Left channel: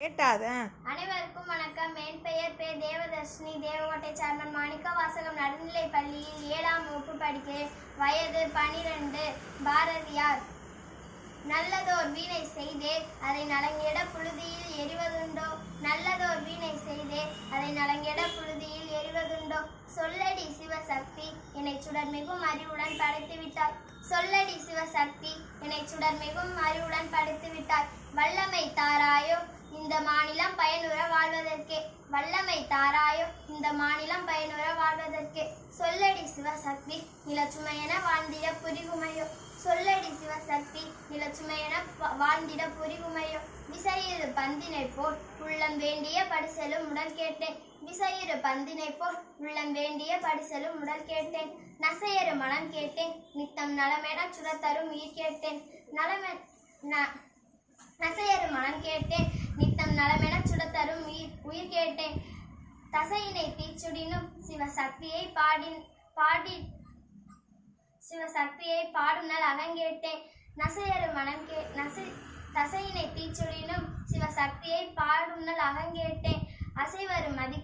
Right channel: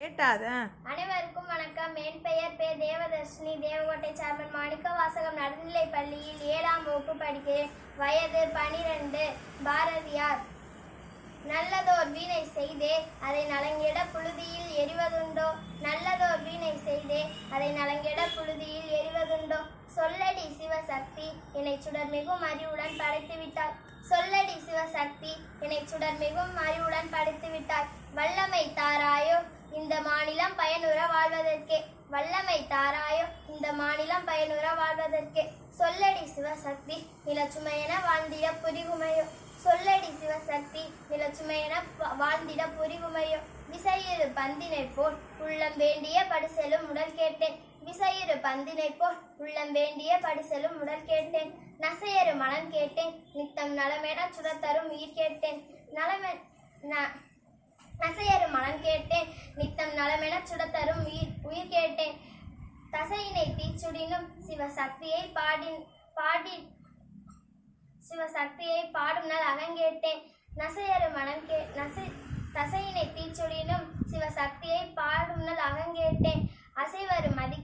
அனைவருக்கும் வணக்கம். என் பெயர் தேவதர்ஷினி. தேவகோட்டை சார்மன் மாணிக்க வாசகம் நடுநிலைப் பள்ளியில் 7ஆம் வகுப்பு படிக்கிறேன். வயது 12. பாரதியார். நல்லதோர் வீணை செய்தே அதை நலங்கிட புழுதியில் எறிவதுண்டோ, நல்லதோர் வீணை செய்தே அதை நலங்கிட புழுதியில் எறிவதுண்டோ, சொல்லடி சிவசக்தி என்னை சுடர் மிகும் அறிவுடன் படைத்து விட்டார், சொல்லடி சிவசக்தி என்னை சுடர் மிகும் அறிவுடன் படைத்து விட்டார், வல்லமை தாராயோ இந்த மாநிலம் பயனுற வாழ்வதற்கே, வல்லமை தாராயோ இந்த மாநிலம் பயனுற வாழ்வதற்கே, சொல்லடி சிவசக்தி நிலச்சுமையென வாழ்ந்திட புரிகுமையோ, சொல்லடி சிவசக்தி நிலச்சுமையென வாழ்ந்திட புரிகுமையோ, விசையிரு பந்தினை போல் உள்ளம் வேண்டிய படிசெலும் உடல் கேட்டேன், விசையிரு பந்தினை போல் உள்ளம் வேண்டிய படிசெலும் உடல் கேட்டேன், நசையரு மனம் கேட்டேன் நித்தம் நலமென சுடத்தரும் உயிர் கேட்டேன், நசையரு மனம் கேட்டேன் நித்தம் நலமென சுடத்தரும் உயிர் கேட்டேன், தசையினை தீச்சுடினும் சிவசக்தியை சிவசக்தியை பாடுனல் அகங்கேட்டேன், நசையரு மனம் தசையினை தீச்சுடினும் சிவசக்தியை பாடுனல் அகங்கேட்டேன், அசைவரு மதி